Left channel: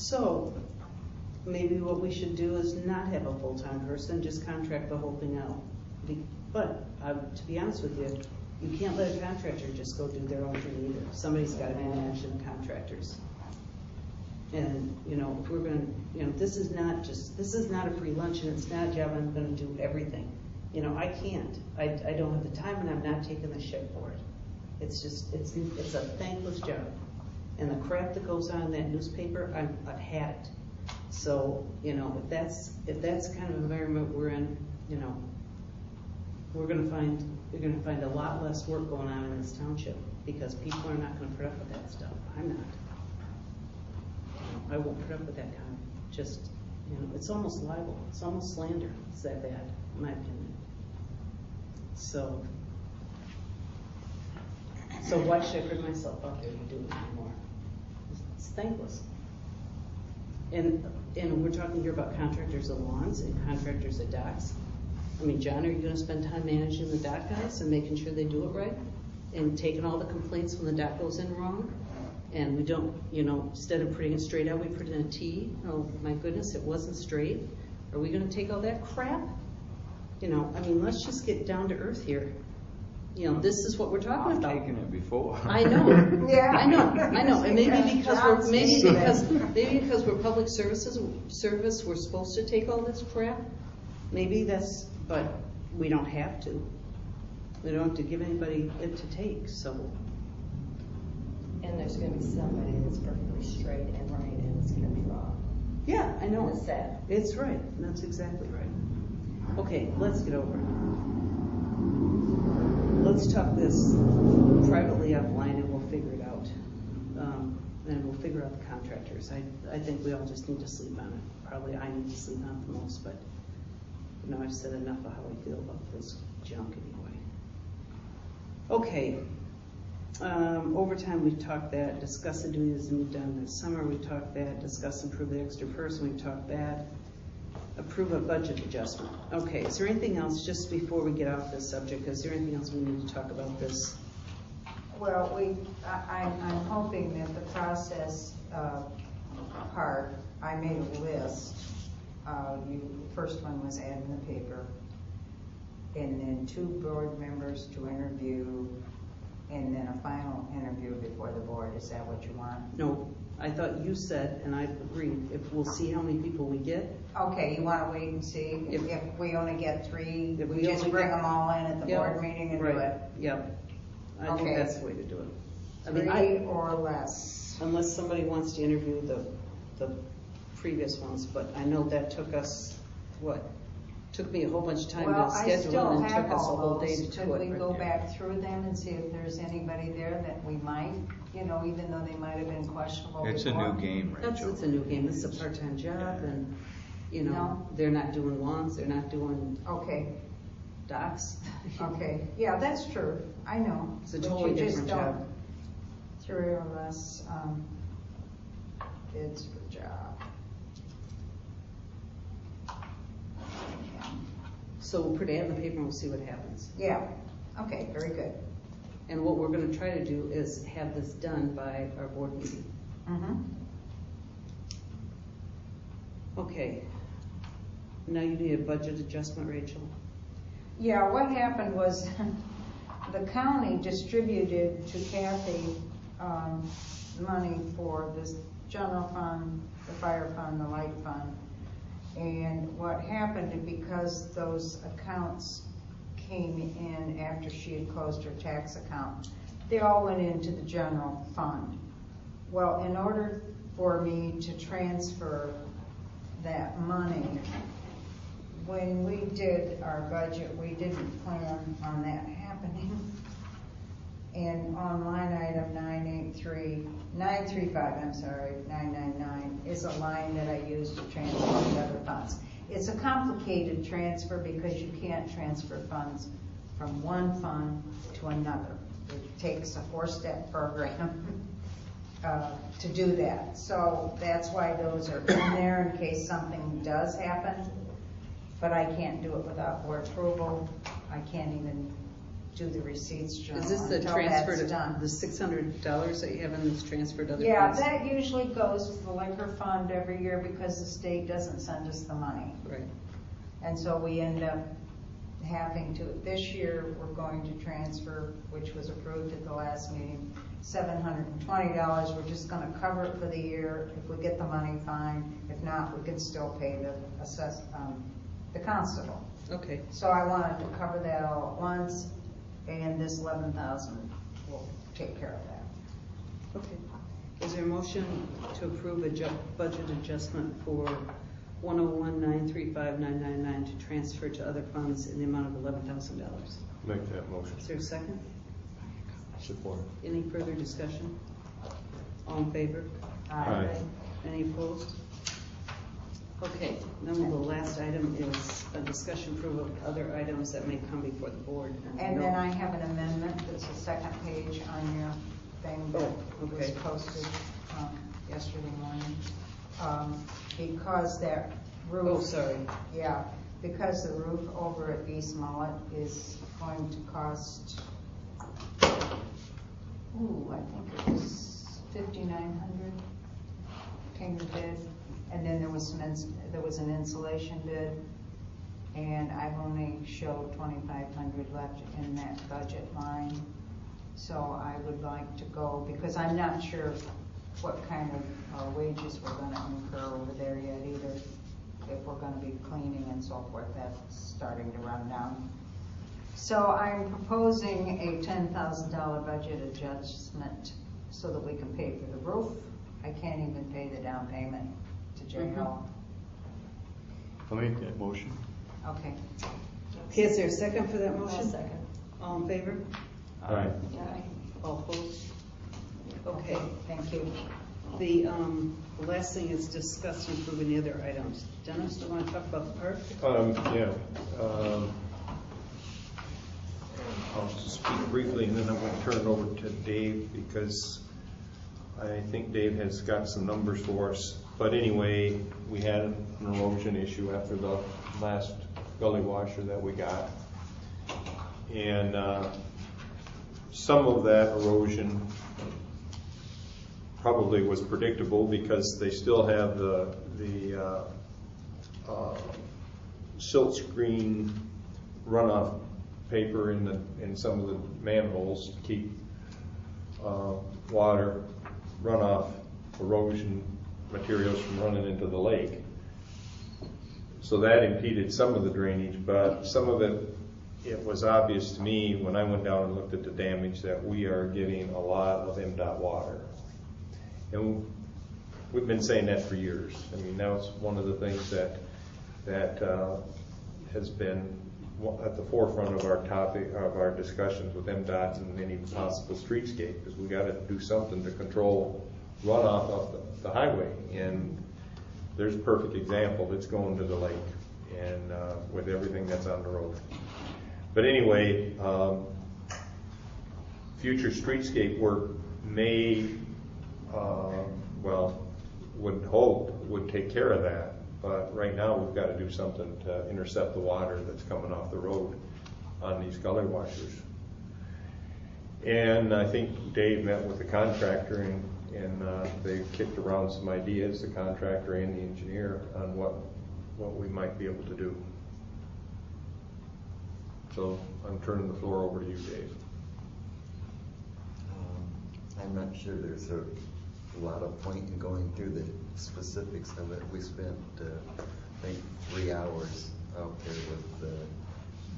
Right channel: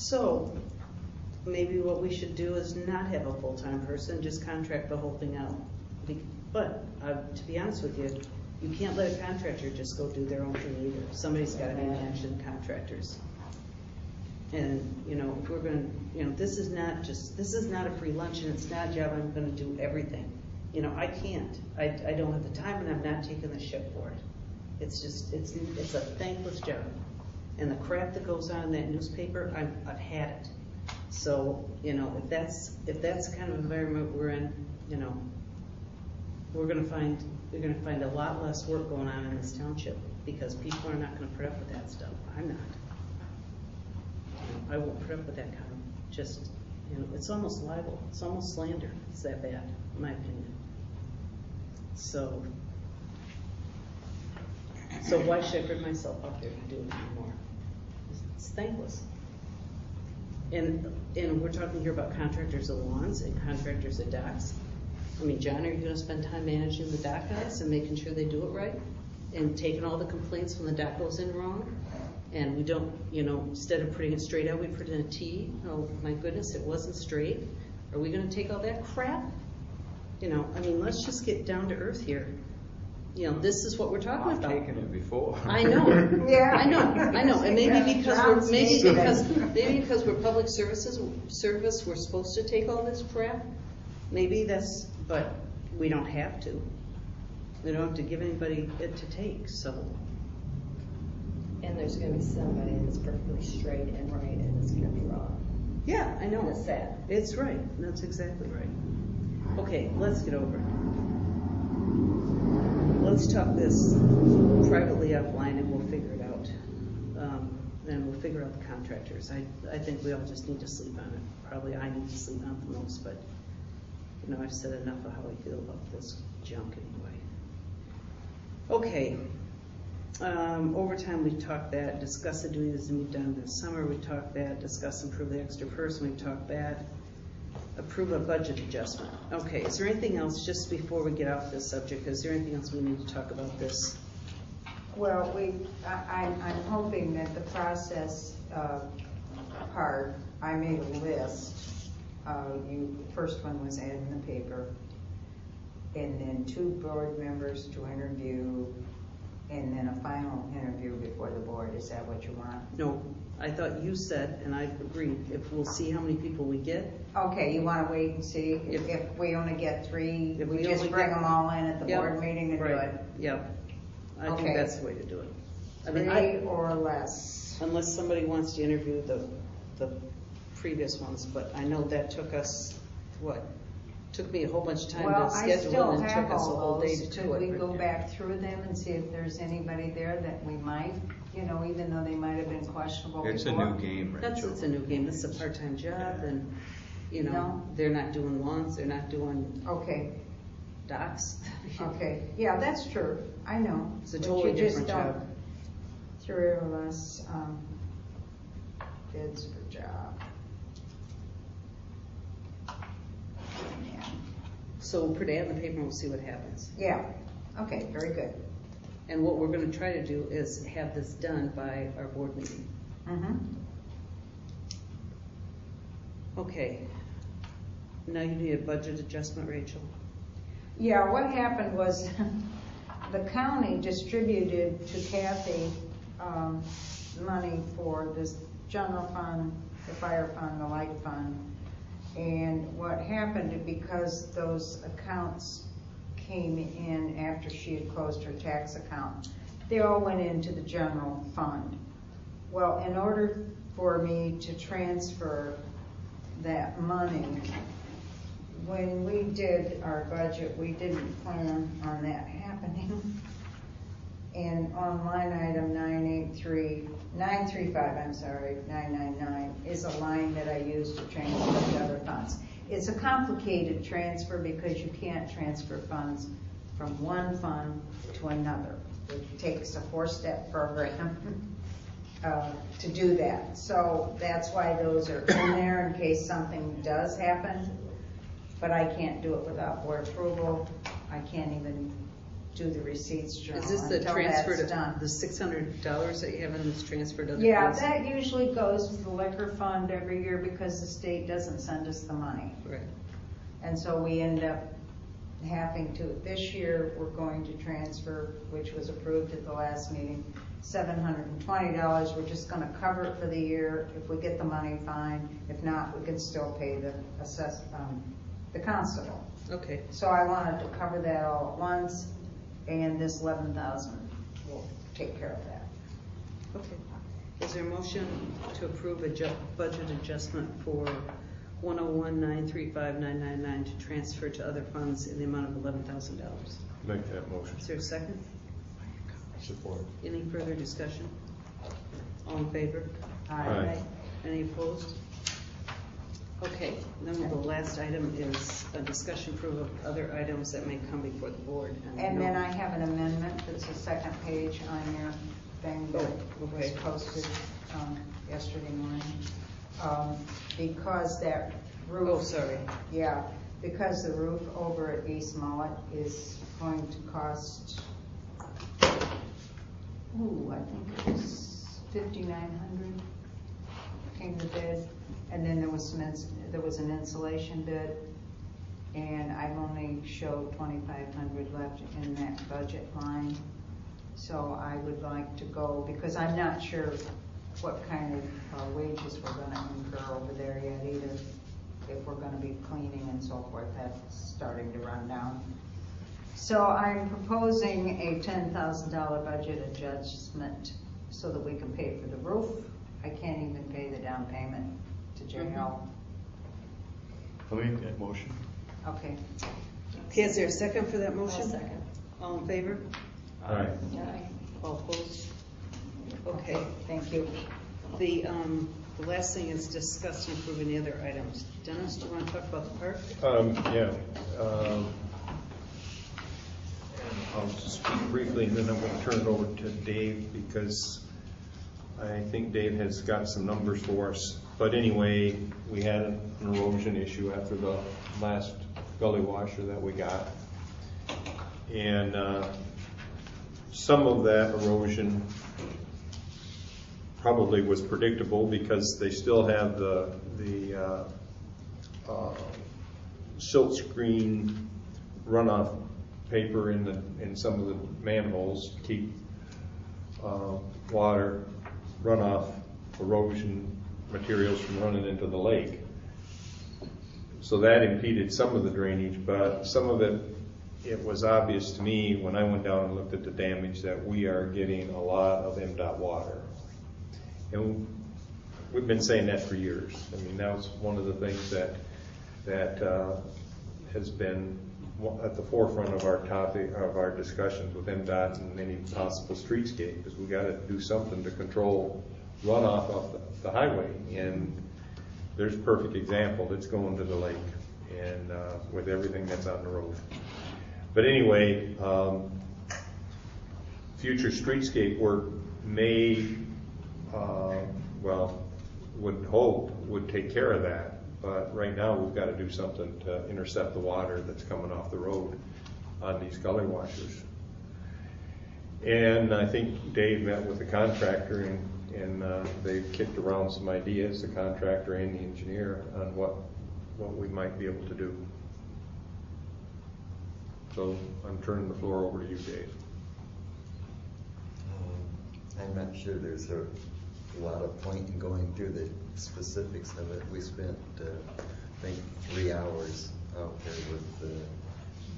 So maybe what we should do is not have a full-time person, just contract the whole thing out. But to be honest with you, you can't let a contractor just go do their own thing either. Somebody's got to be managing contractors. And if we're going to, this is not a free lunch, and it's not a job I'm going to do everything. I can't. I don't have the time, and I'm not taking the shit for it. It's a thankless job. And the crap that goes on in that newspaper, I've had it. So, if that's the kind of environment we're in, you're going to find a lot less work going on in this township, because people are not going to put up with that stuff. I'm not. I won't put up with that kind of it's almost libel. It's almost slander. It's that bad, in my opinion. So why should I put myself out there to do it anymore? It's thankless. And we're talking here about contractors of lawns and contractors of docks. I mean, John, are you going to spend time managing the dock guys and making sure they do it right? And taking all the complaints when the dock goes in wrong? And we don't, instead of putting it straight out, we put in a T. Oh my goodness, it wasn't straight. Are we going to take all that crap? Let's just get down to earth here. This is what we're talking about. I've taken it before. I know. Yeah. I know. And maybe because we're public service, we're supposed to take all this crap. Maybe but we don't have to. We don't have to give anybody it to take. So. And there's going to be somebody that's perfectly straight and right, and it's going to be wrong. Yeah, I know. It's sad. It's right. That's exactly right. Okay, let's get over it. Let's talk this privately offline, and we'll figure it out. And we'll figure out the contractors. I think we all just need to sleep on it. Probably I need to sleep on it the most, but I've said enough of how I feel about this junk anyway. Okay. Overtime, we've talked that. Discuss the duties to be done this summer, we've talked that. Discuss and approve the extra person, we've talked that. Approve a budget adjustment. Okay, is there anything else, just before we get off this subject, is there anything else we need to talk about this? Well, I'm hoping that the process part, I made a list. First one was added in the paper, and then 2 board members to interview, and then a final interview before the board. Is that what you want? No, I thought you said, and I agree, if we'll see how many people we get. Okay, you want to wait and see? If we only get 3, we just bring them all in at the board meeting and do it? Yep. I think that's the way to do it. 3 or less. Unless somebody wants to interview the previous ones, but I know that took us, took me a whole bunch of time to schedule, and took us a whole day to do it. Could we go back through them and see if there's anybody there that we might, even though they might have been questionable It's before? a new game, right? It's a new game. This is a part-time job, and they're not doing lawns, they're not doing docks. Okay, yeah, that's true. I know. It's a totally different job. 3 or less kids per job. So we'll put it in the paper and we'll see what happens. Yeah. Okay, very good. And what we're going to try to do is have this done by our board meeting. Okay. Now you need a budget adjustment, Rachel? Yeah, what happened was the county distributed to Kathy money for this general fund, the fire fund, the light fund. And what happened, because those accounts came in after she had closed her tax account, they all went into the general fund. Well, in order for me to transfer that money, when we did our budget, we didn't plan on that happening. And on line item 999 is a line that I use to transfer to other funds. It's a complicated transfer because you can't transfer funds from one fund to another. It takes a 4-step program to do that. So that's why those are in there in case something does happen. But I can't do it without board approval. I can't even do the receipts journal Is this the until transfer that's to, done. the $600 that you have in this transfer to other Yeah, funds? that usually goes to the liquor fund every year because the state doesn't send us the money. Right. And so we end up having to, this year, we're going to transfer, which was approved at the last meeting, $720. We're just gonna cover it for the year. If we get the money, fine. If not, we can still pay the constable. Okay. So I wanted to cover that all at once, and this 11,000 will take care of that. Okay. Is there a motion to approve a budget adjustment for 101,935,999 to transfer to other funds in the amount of $11,000? Make that motion. Is there a second? Support. Any further discussion? All in favor? Aye. Any opposed? Okay, then the last item is a discussion approval of other items that may come before the board. And then I have an amendment, that's the second page on your thing that was okay. posted yesterday morning. Because that roof. Oh, sorry. Yeah, because the roof over at East Mullett is going to cost, I think it was $5,900 came the bid, and then there was an insulation bid, and I've only showed $2,500 left in that budget line. So I would like to go, because I'm not sure what kind of wages we're gonna incur over there yet either. If we're gonna be cleaning and so forth, that's starting to run down. So I'm proposing a $10,000 budget adjustment so that we can pay for the roof. I can't even pay the down payment to general. I'll make that motion. Okay. Okay, is there a second for that motion? I'll second. All in favor? Aye. All opposed? Okay. Thank you. The last thing is discuss and approve any other items. Dennis, do you want to talk about the park? Yeah. I'll just speak briefly, and then I'm going to turn it over to Dave, because I think Dave has got some numbers for us. But anyway, we had an erosion issue after the last gully washer that we got. And some of that erosion probably was predictable, because they still have the silt screen runoff paper in some of the manholes to keep water runoff erosion materials from running into the lake. So that impeded some of the drainage, but some of it was obvious to me when I went down and looked at the damage that we are getting a lot of MDOT water. And we've been saying that for years. I mean, that's one of the things that has been at the forefront of our topic, of our discussions with MDOT and any possible streetscape, is we got to do something to control runoff of the highway. And there's a perfect example that's going to the lake, and with everything that's on the road. But anyway, future streetscape work may, would hope would take care of that. But right now we've got to do something to intercept the water that's coming off the road on these gully washers. And I think Dave met with the contractor, and they kicked around some ideas, the contractor and the engineer, on what we might be able to do. So I'm turning the floor over to you, Dave. I'm not sure there's a lot of point in going through the specifics of it. We spent, I think, 3 hours out there with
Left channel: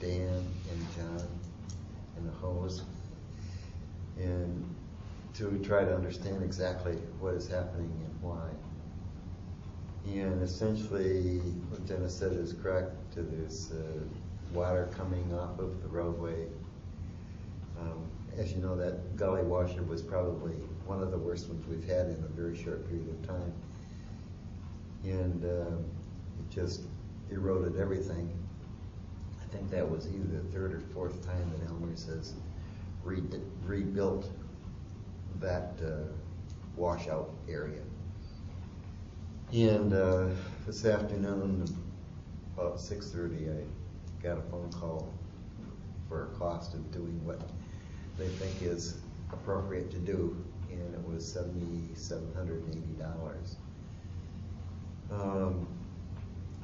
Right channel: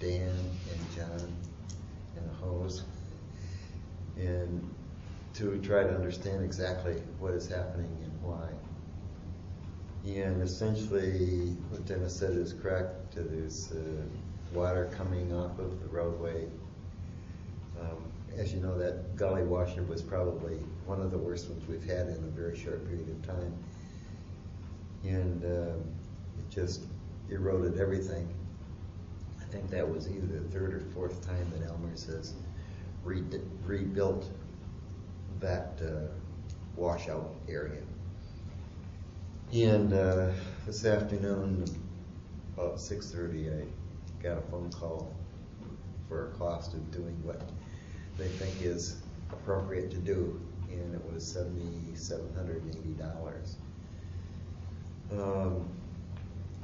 Dan and John and the hose, and to try to understand exactly what is happening and why. And essentially, what Dennis said is correct. There's water coming off of the roadway. As you know, that gully washer was probably one of the worst ones we've had in a very short period of time. And it just eroded everything. I think that was either the third or fourth time that Elmer's has rebuilt that washout area. And this afternoon, about 6:30, I got a phone call for a cost of doing what they think is appropriate to do, and it was $7,780.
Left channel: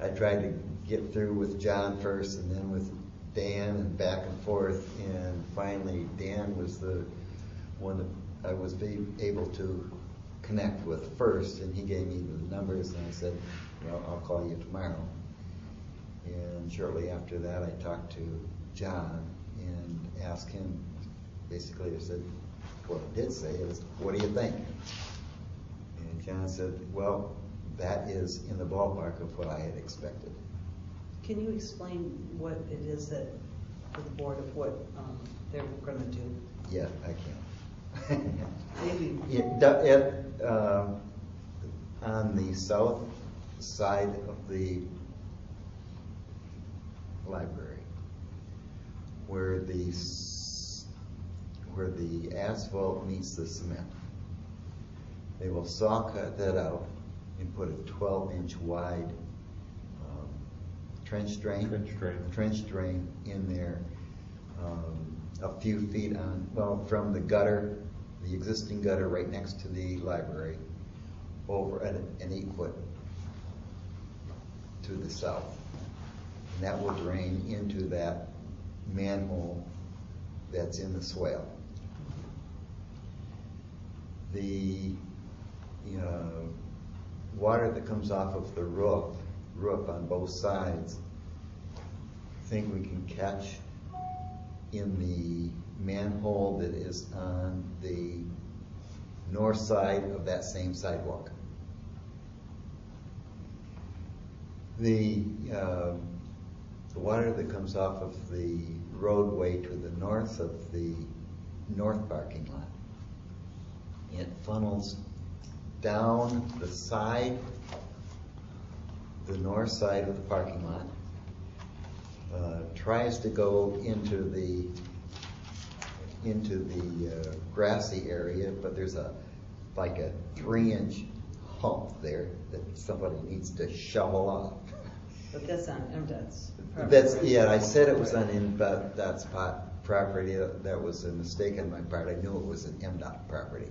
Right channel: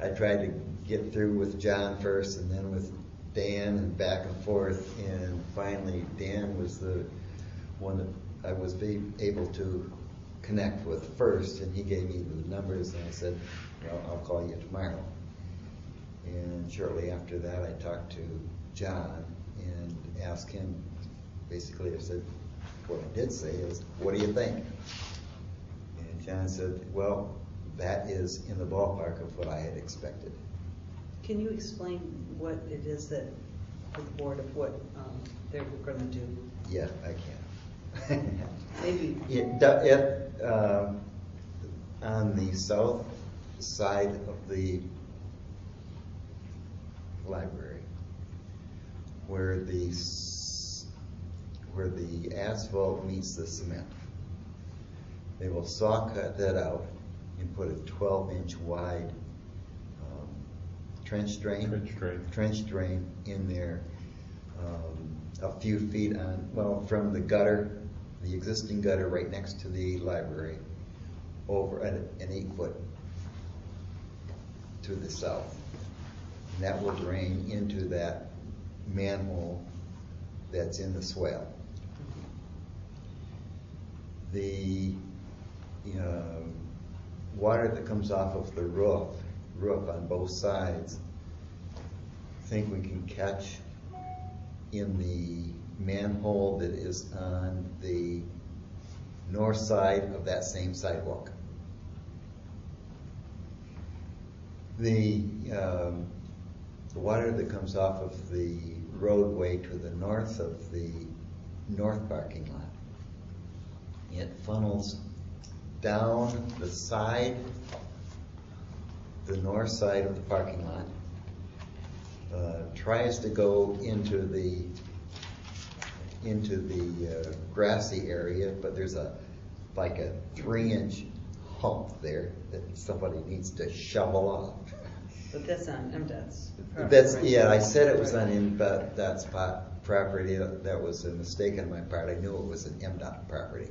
I tried to get through with John first and then with Dan and back and forth, and finally Dan was the one that I was able to connect with first, and he gave me the numbers, and I said, well, I'll call you tomorrow. And shortly after that, I talked to John and asked him, basically I said, what I did say is, what do you think? And John said, well, that is in the ballpark of what I had expected. Can you explain what it is that the board of what they're going to do? Yeah, I can. Maybe. On the south side of the library, where the asphalt meets the cement, they will saw cut that out and put a 12-inch wide trench drain in there, a few feet from the gutter, the existing gutter right next to the library, over an 8-foot to the south. And that will drain into that manhole that's in the swale. The water that comes off of the roof on both sides, I think we can catch in the manhole that is on the north side of that same sidewalk. The water that comes off of the roadway to the north of the north parking lot, it funnels down the side, the north side of the parking lot, tries to go into the grassy area, but there's like a 3-inch hump there that somebody needs to shovel off. But that's on MDOT's. Yeah, I said it was on MDOT's property. That was a mistake on my part. I knew it was an MDOT property.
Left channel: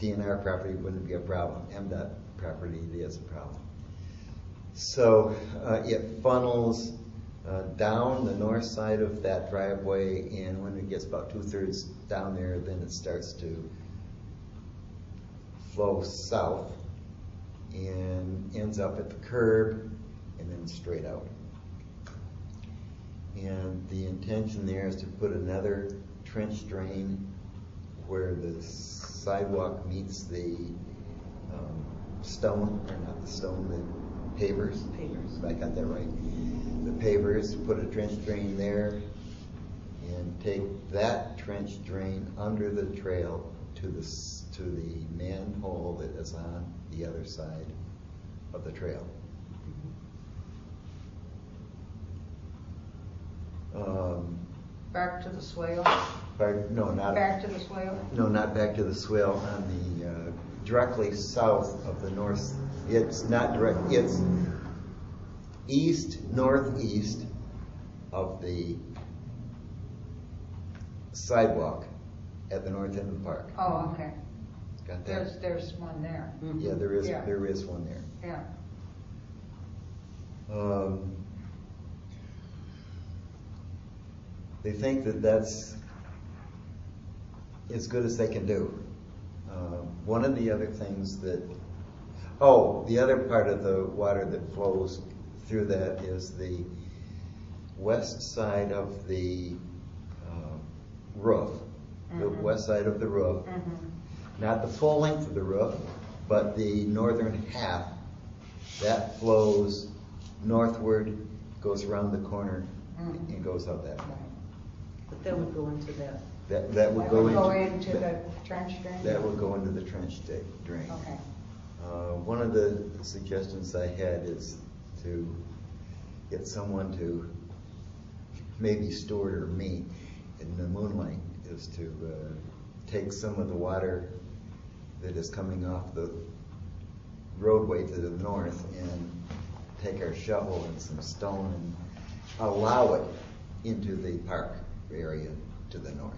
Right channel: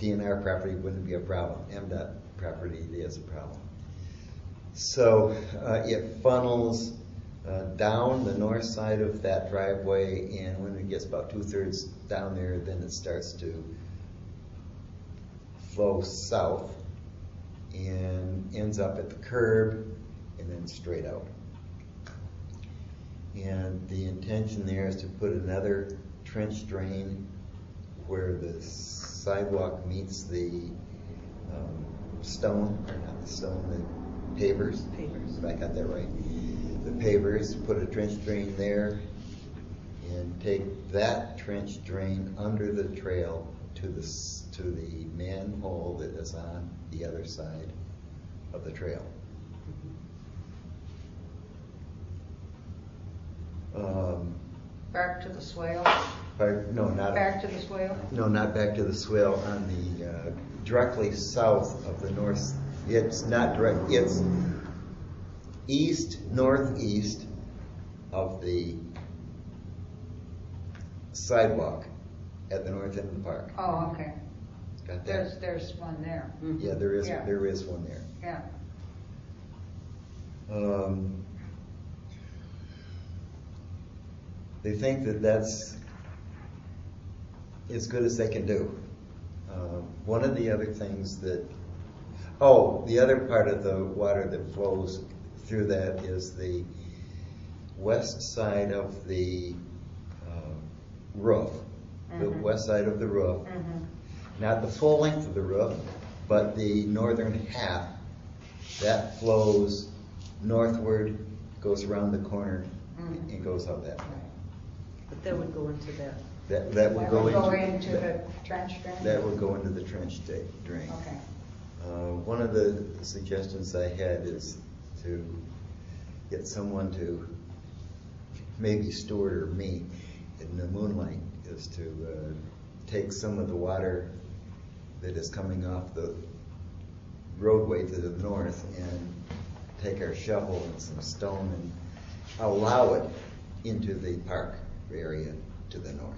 DNR property wouldn't be a problem. MDOT property is a problem. So it funnels down the north side of that driveway, and when it gets about 2/3 down there, then it starts to flow south and ends up at the curb and then straight out. And the intention there is to put another trench drain where the sidewalk meets the the pavers. If I got that right. The pavers, put a trench drain there and take that trench drain under the trail to the manhole that is on the other side of the trail. Back to the swale? No, not back to the swale. No, not back to the swale. On the directly south of the north. It's not direct. It's northeast of the sidewalk at the north end of the park. Oh, okay. Got that? There's one there. Yeah, there is. Yeah. There is one there. Yeah. They think that that's as good as they can do. One of the other things that, the other part of the water that flows through that is the west side of the roof, the west side of the roof. Not the full length of the roof, but the northern half. That flows northward, goes around the corner, and goes up that way. But that would go into that. That would go into the trench drain? That would go into the trench drain. Okay. One of the suggestions I had is to get someone to, maybe Stuart or me, in the moonlight, is to take some of the water that is coming off the roadway to the north and take our shovel and some stone and allow it into the park area to the north.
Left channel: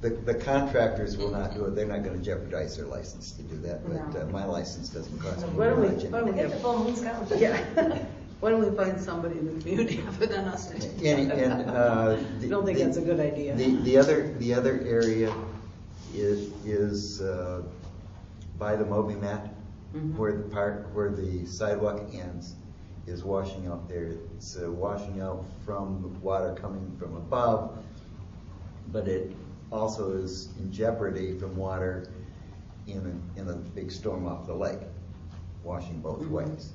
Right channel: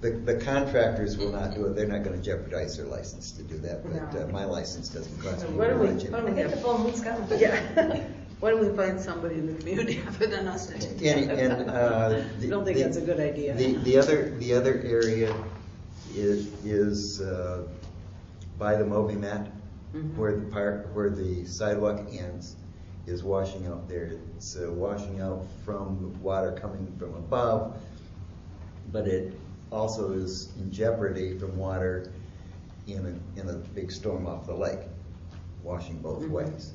The contractors will not do it. They're not going to jeopardize their license to do that, but my license doesn't cost me Why don't we, much. why don't we Get the have, phone, let's go. yeah, why don't we find somebody in the community other than us to do that? I don't think that's a good idea. The other area is by the Moby mat, where the sidewalk ends, is washing out there. It's washing out from water coming from above, but it also is in jeopardy from water in a big storm off the lake, washing both ways.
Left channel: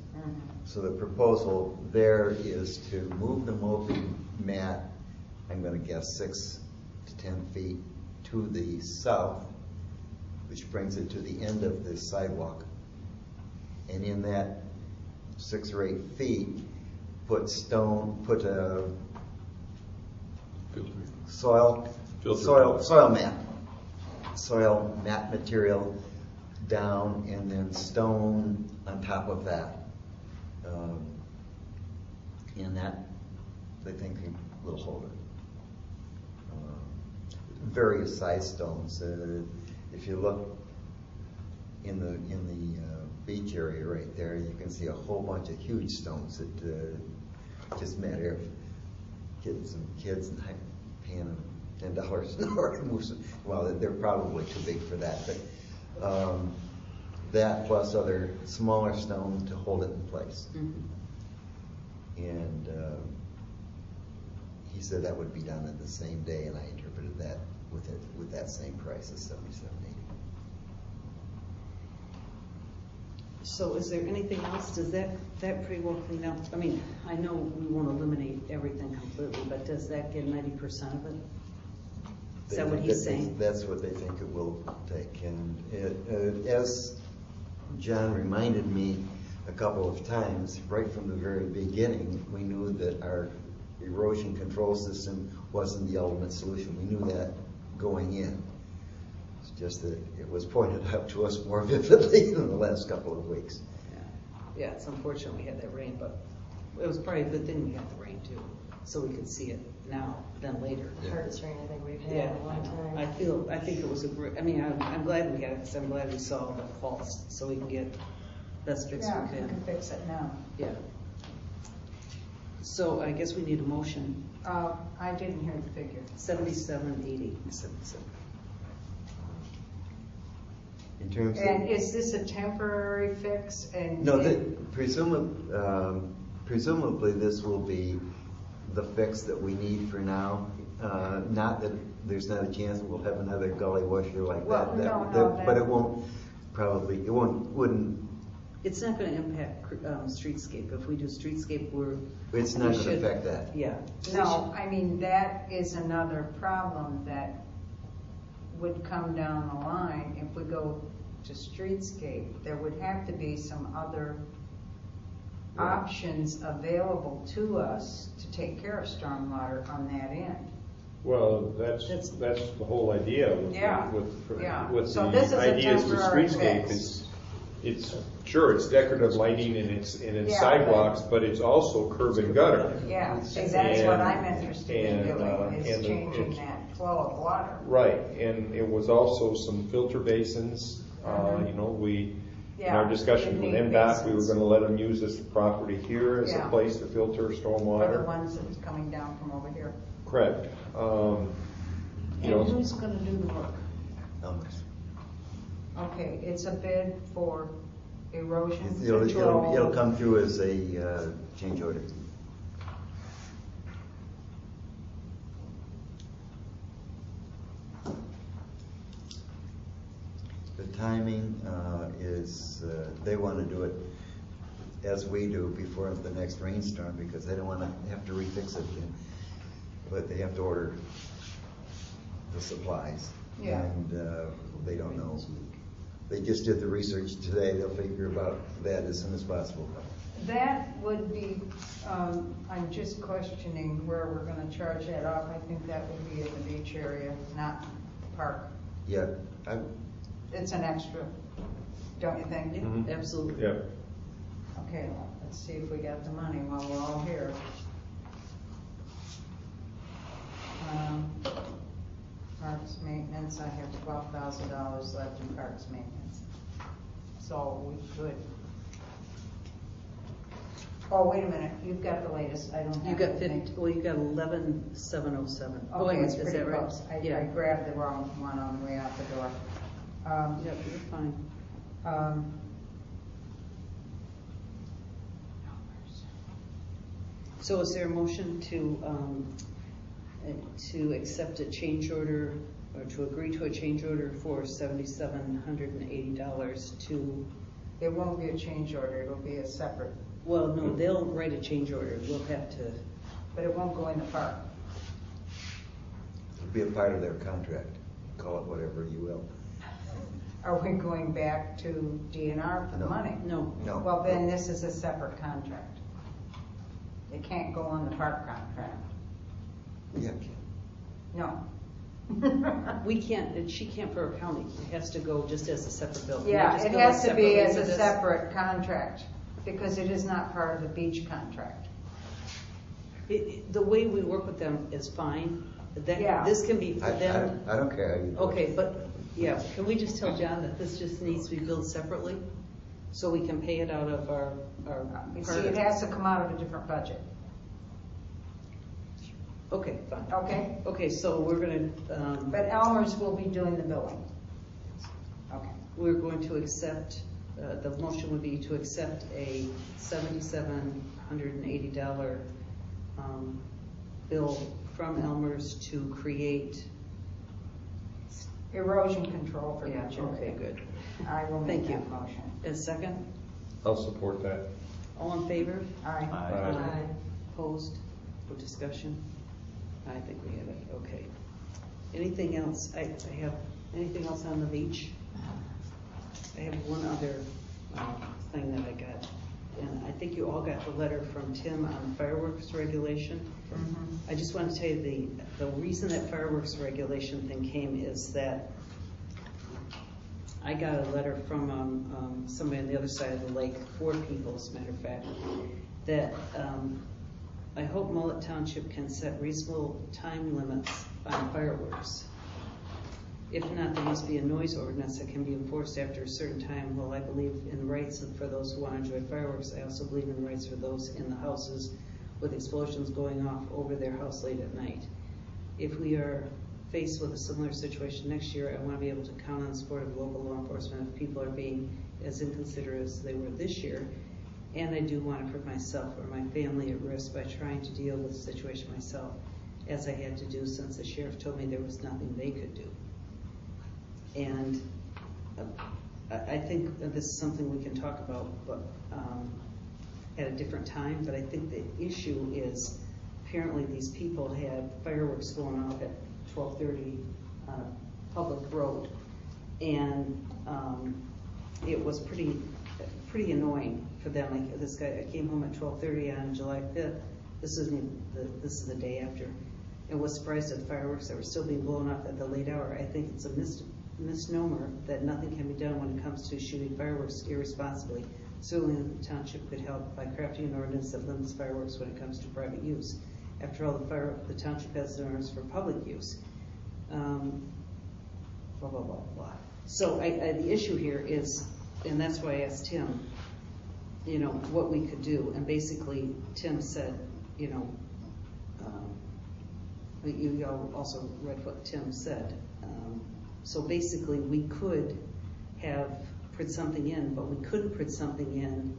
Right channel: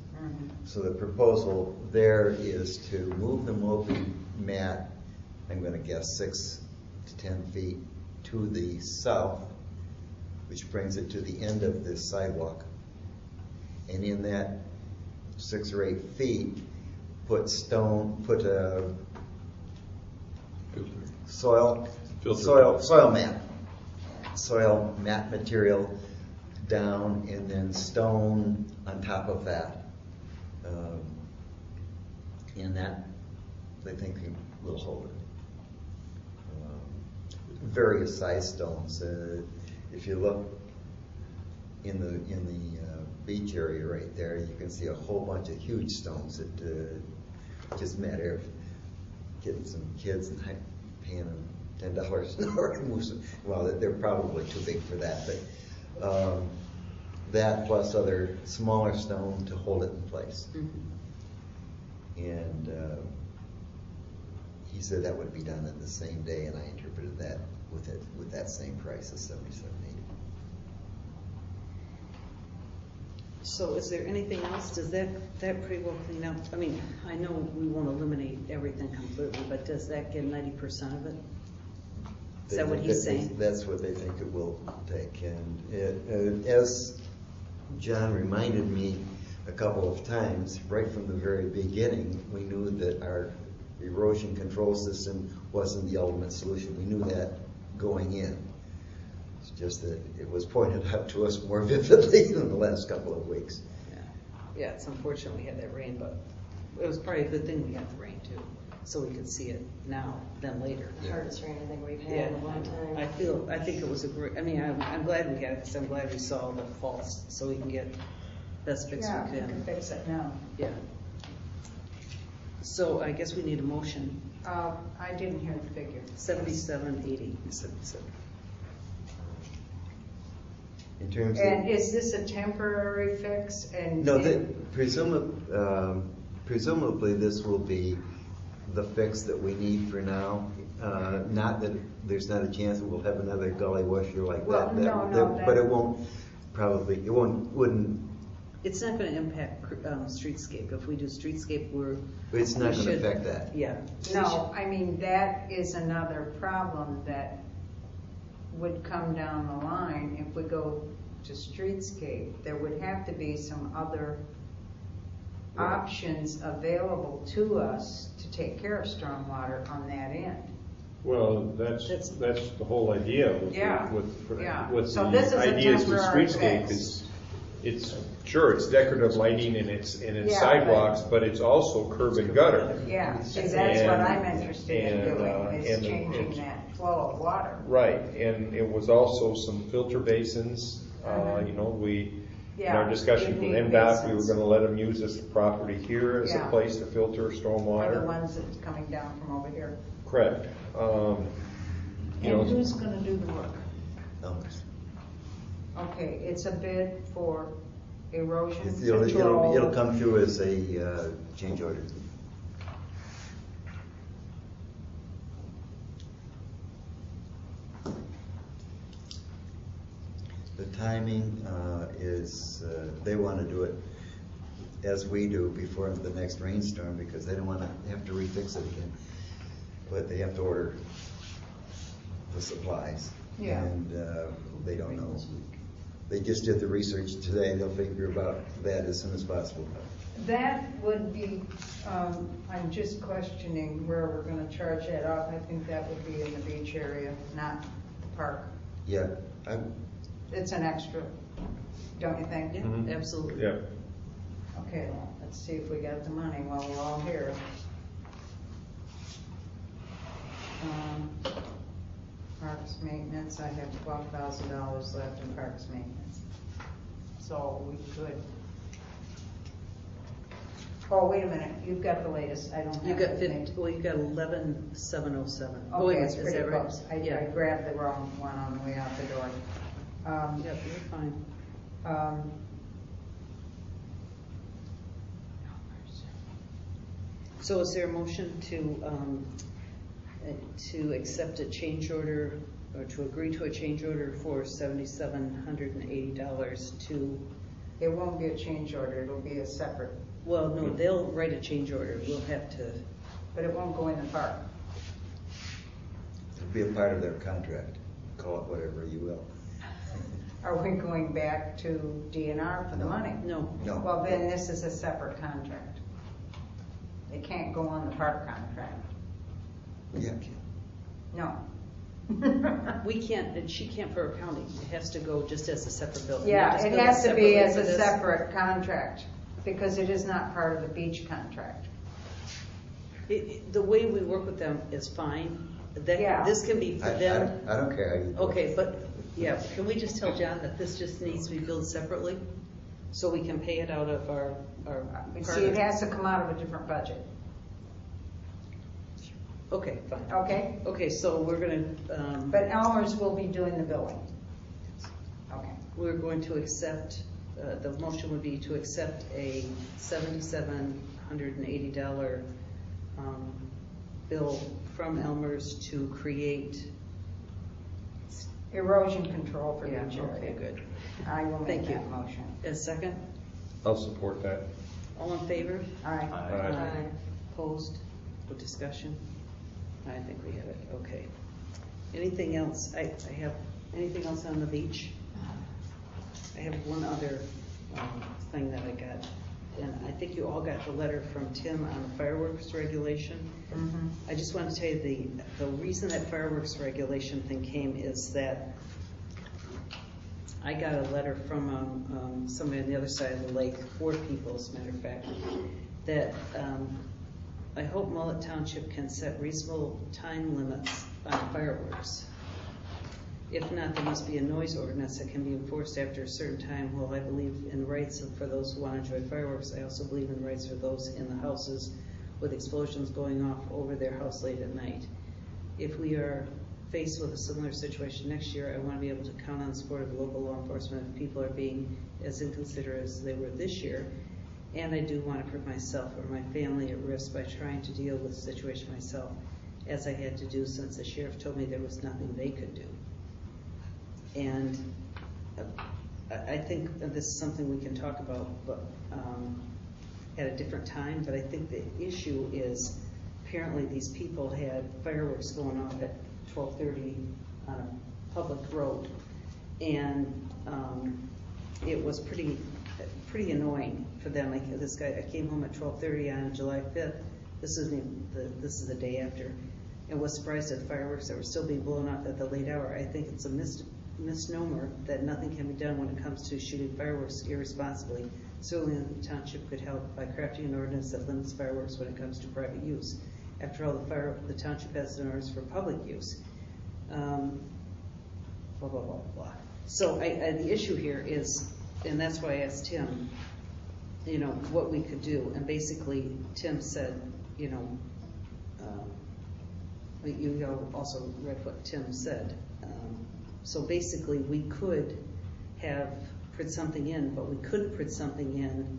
So the proposal there is to move the Moby mat, I'm going to guess 6 to 10 feet to the south, which brings it to the end of the sidewalk. And in that 6 or 8 feet, put a soil mat material down, and then stone on top of that. And that, I think, will hold it. Various size stones. If you look in the beach area right there, you can see a whole bunch of huge stones that just matter of getting some kids and paying them $10 an hour to move some. Well, they're probably too big for that, but that plus other smaller stone to hold it in place. And he said that would be done in the same day, and I interpreted that with that same price of $77.80. So is there anything else? Does that pretty well clean up? I mean, I know we won't eliminate everything completely, but does that get 90% of it? Is that what he's saying? That's what they think it will take. And as John reminded me a couple of times, right from the very beginning, we knew that our erosion control system wasn't the ultimate solution. We knew that going in. It's just that it was pointed out to us more vividly in the last couple of weeks. Yeah, it's unfortunate we had that rain, but it was probably a good thing we had the rain too, so we could see it now than later. The hardest rain I think we've had in a long time. I think it was a great, I mean, I'm glad we had it, because I'm glad we saw all the faults, so we can get best fix Yeah, we we can. can fix it now. Yeah. So I guess we need a motion. I didn't hear the figure. 77.80. 77. In terms And of, is this a temporary fix? And no, presumably this will be the fix that we need for now. Not that there's not a chance we'll have another gully washer like Well, that. no, But it won't wouldn't. It's not going to impact streetscape. If we do streetscape, It's not we going to should- affect that. Yeah. no, I mean, that is another problem that would come down the line if we go to streetscape. There would have to be some other options available to us to take care of stormwater on that end. Well, that's the whole idea with Yeah, with So the this is a ideas with temporary streetscape fix. is it's sure it's decorative lighting and it's Yeah. sidewalks, but it's also curb and gutter. Yeah, see, that's And- what I'm interested in doing, is and changing it's- that flow of water. Right, and it was also some filter basins. You know, in our Yeah, discussions with you need MDOT, we were basins. going to let them use this property here as a Yeah. place to filter Or the stormwater. ones that's coming down from over here. Correct. You know, And who's gonna do the work? Numbers. Okay, it's a bid for erosion It'll control. come through as a change order. The timing is, they want to do it as we do before the next rainstorm, because they don't want to have to refix it again. But they have to order the supplies. Yeah. And they don't know. They just did the research today. They'll figure about that as soon as possible. That would be, I'm just questioning where we're gonna charge that off. I think that would be in the beach area, not park. Yeah, It's an extra, don't you think? Yeah, Mhm. absolutely. yeah. Okay, well, let's see if we got the money while we're all here. Parks maintenance, I have $12,000 left in parks maintenance. So we could. Oh, wait a minute, you've got the latest, I don't have. You got the 50, well, you got 11,707. Okay, is it's pretty that right? close. I Yeah. grabbed the wrong one on the way out the door. Yep, you're fine. So is there a motion to accept a change order, or to agree to a change order for $7,780 to, It won't be a change order, it'll be a separate, well, no, they'll write a change order, we'll have to, but it won't go in the park. It'll be a part of their contract, call it whatever you will. Are we going back to DNR for the No. money? no. No. Well, then this is a separate contract. It can't go on the park contract. Yeah. No. We can't, and she can't for her county, it has to go just as a separate bill. And Yeah, we just it bill has to be separately as for a this. separate contract, because it is not part of the beach contract. The way we work with them is fine, Yeah. this can be for them. I don't care how you do it. Okay, but, yeah, can we just tell John that this just needs to be billed separately? So we can pay it out of our See, part it of. has to come out of a different budget, Okay, fine. okay? Okay, so we're gonna, But Elmer's will be doing the billing. Okay. we're going to accept, the motion would be to accept a $7,780 bill from Elmer's to create. Erosion control for Yeah, beach area. okay, good. I will make Thank you. that motion. A second? I'll support that. All in favor? Aye. Aye. Opposed? For discussion? I think we have it, okay. Anything else? I have, anything else on the beach? I have one other thing that I got. And I think you all got the letter from Tim on fireworks regulation. I just want to tell you the reason that fireworks regulation thing came is that I got a letter from somebody on the other side of the lake, 4 people as a matter of fact, that I hope Mullett Township can set reasonable time limits on fireworks. If not, there must be a noise ordinance that can be enforced after a certain time. Well, I believe in the rights for those who want to enjoy fireworks. I also believe in the rights for those in the houses with explosions going off over their house late at night. If we are faced with a similar situation next year, I want to be able to count on the support of local law enforcement if people are being as inconsiderate as they were this year. And I do want to put myself or my family at risk by trying to deal with the situation myself, as I had to do since the sheriff told me there was nothing they could do. And I think that this is something we can talk about, but at a different time. But I think the issue is apparently these people had fireworks going off at 12:30 public road, and it was pretty annoying for them. Like this guy, I came home at 12:30 on July 5th. This is the day after, and was surprised at the fireworks that were still being blown up at the late hour. I think it's a misnomer that nothing can be done when it comes to shooting fireworks irresponsibly. Certainly the township could help by crafting an ordinance that limits fireworks when it comes to private use. After all, the township has an ordinance for public use. Blah, blah, blah, blah. So the issue here is, and that's why I asked Tim, what we could do. And basically, Tim said, you also read what Tim said. So basically, we could have put something in, but we couldn't put something in.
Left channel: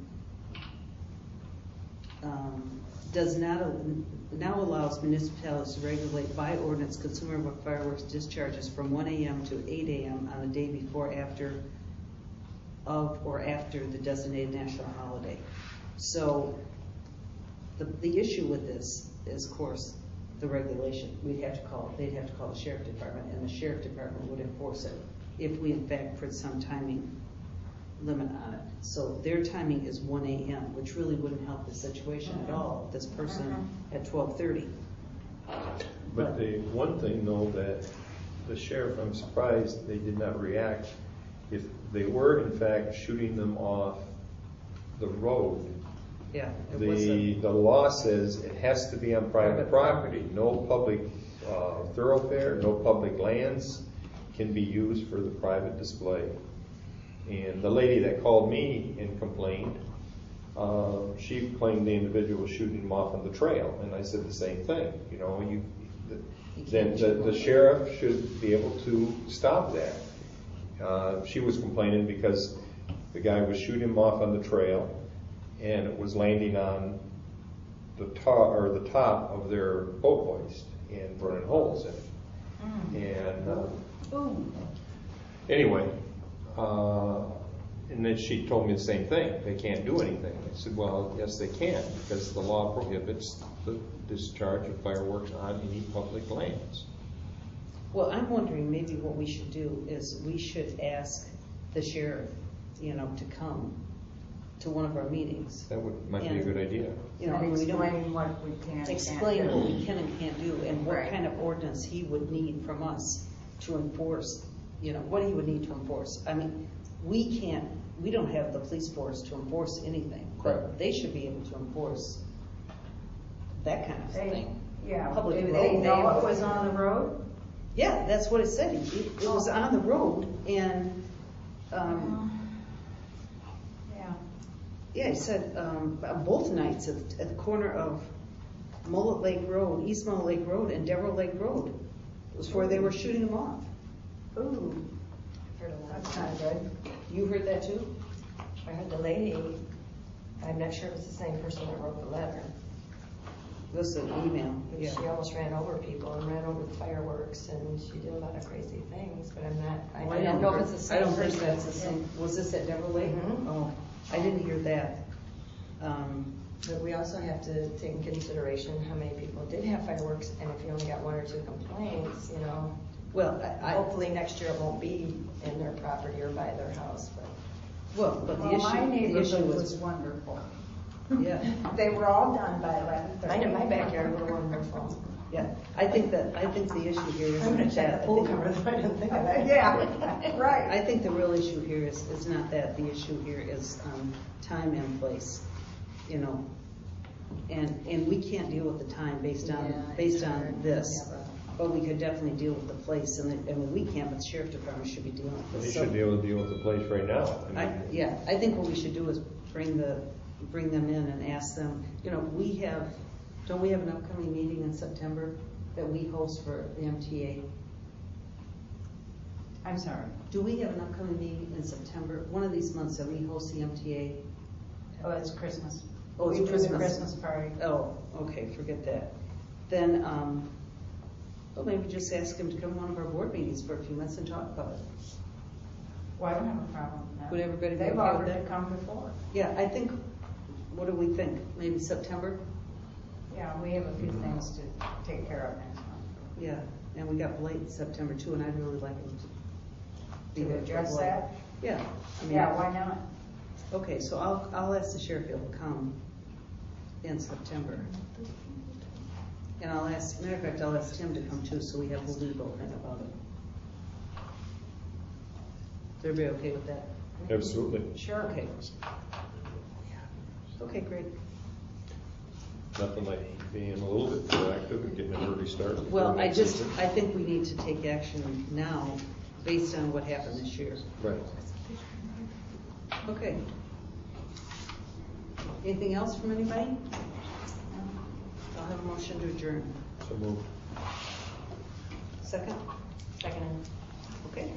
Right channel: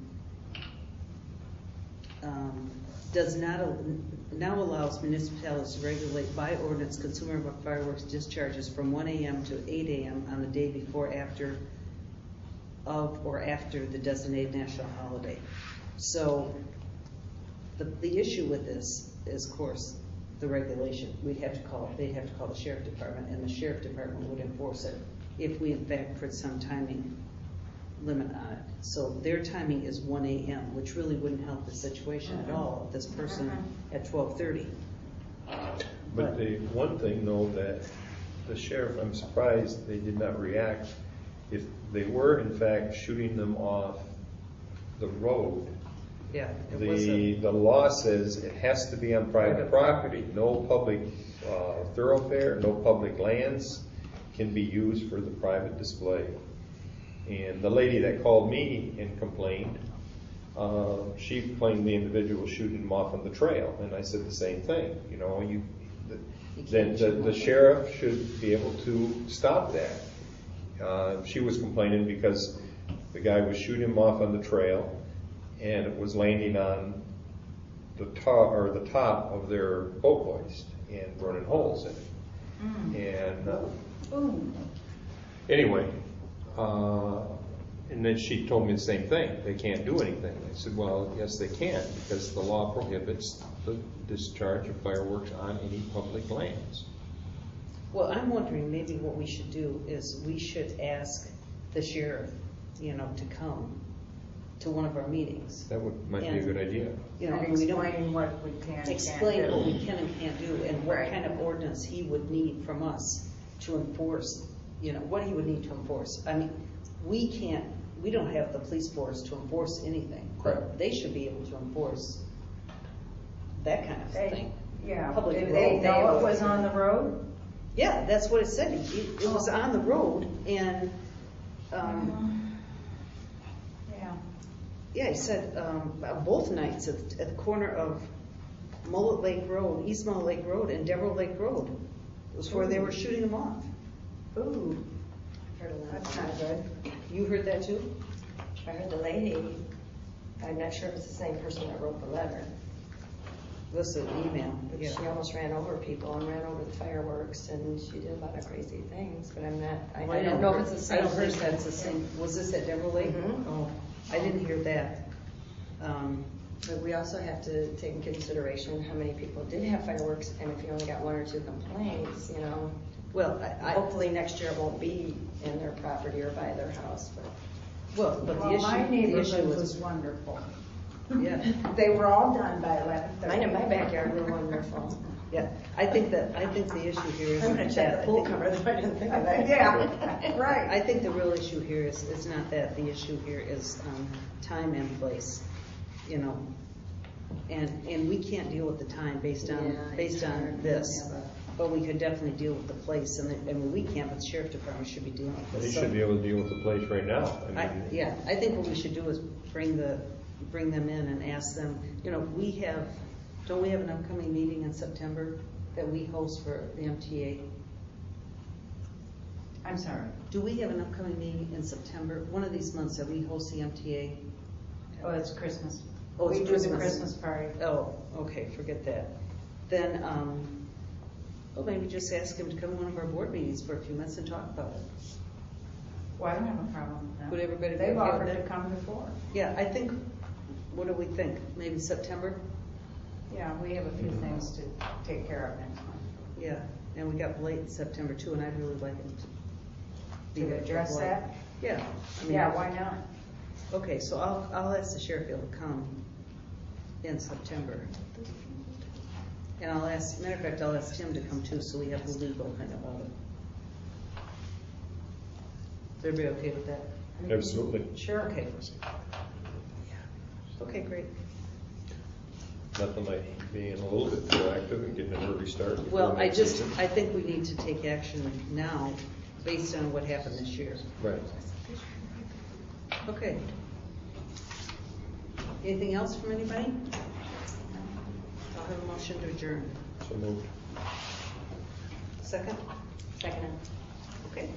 Now allows municipalities to regulate by ordinance consumer fireworks discharges from 1 a.m. to 8 a.m. on the day before, of or after the designated national holiday. So the issue with this is, of course, the regulation. They'd have to call the sheriff department, and the sheriff department would enforce it if we in fact put some timing limit on it. So their timing is 1 a.m., which really wouldn't help the situation at all. This person at 12:30. But the one thing though, that the sheriff, I'm surprised they did not react. If they were in fact shooting them off the road, Yeah. the law says it has to be on private property. No public thoroughfare, no public lands can be used for the private display. And the lady that called me and complained, she claimed the individual was shooting him off on the trail, and I said the same thing. You know, then the sheriff should be able to stop that. She was complaining because the guy was shooting him off on the trail, and it was landing on the top of their boat hoist and burning holes in it. And anyway, and then she told me the same thing. They can't do anything. I said, well, yes, they can, because the law prohibits the discharge of fireworks on any public lands. Well, I'm wondering, maybe what we should do is we should ask the sheriff, you know, to come to one of our meetings. That might be a good idea. You know, Explain what we can and explain can't what do. we can and can't do, and what Right. kind of ordinance he would need from us to enforce, you know, what he would need to enforce. I mean, we don't have the police force to enforce anything. Correct. They should be able to enforce that kind of thing. Yeah, Public did they road. know it was on the road? Yeah, that's what it said. It was on the road, and, yeah, he said, both nights at the corner of Mullett Lake Road, East Mullett Lake Road, and Devereux Lake Road was where they were shooting them off. Ooh, that's not good. You heard that too? I heard the lady, I'm not sure if it's the same person that wrote the letter. This is an email, But yeah. she almost ran over people and ran over the fireworks, and she did a lot of crazy things, but I'm not, I don't know if it's the same I don't think person. that's the same. Was this at Devereux Lake? Mhm. Oh, I didn't hear that. But we also have to take into consideration how many people did have fireworks, and if you only got one or two complaints, you know, Well, hopefully next year it won't be in their property or by their house, but. well, but the Well, my issue neighborhood was was, wonderful. yeah, They were all done by 11:30. Mine in my backyard were wonderful. yeah. I think the issue here is I'm gonna not check that. the pool cover, I didn't think of that. Yeah, right. I think the real issue here is not that. The issue here is time and place, you know. And we can't deal with the time based on this. But we could definitely deal with the place, and we can't, but the sheriff department should be dealing with They this. should be able to deal with the place right now. Yeah, I think what we should do is bring them in and ask them, you know, don't we have an upcoming meeting in September that we host for the MTA? I'm sorry. Do we have an upcoming meeting in September, one of these months that we host the MTA? Oh, it's Christmas. Oh, it's We do the Christmas. Christmas party. Oh, okay, forget that. Then, well, maybe just ask him to come to one of our board meetings for a few minutes and talk about it. Well, I don't have a problem with that. Would everybody be They've okay with offered to that? come before. Yeah, I think, what do we think? Maybe September? Yeah, we have a few things to take care of next month. Yeah, and we got Blake in September too, and I'd really like him to be To there. for address Blake. that? Yeah. I mean, Yeah, why not? Okay, so I'll ask the sheriff if he'll come in September. And matter of fact, I'll ask Tim to come too, so we have the legal thing about it. Is everybody okay with that? Absolutely. Sure. Okay. Okay, great. Nothing like being a little bit proactive and getting an early start. before Well, next season. I think we need to take action now based on what happened this year. Right. Okay. Anything else from anybody? I'll have a motion to adjourn. So moved. Second? Second. Okay.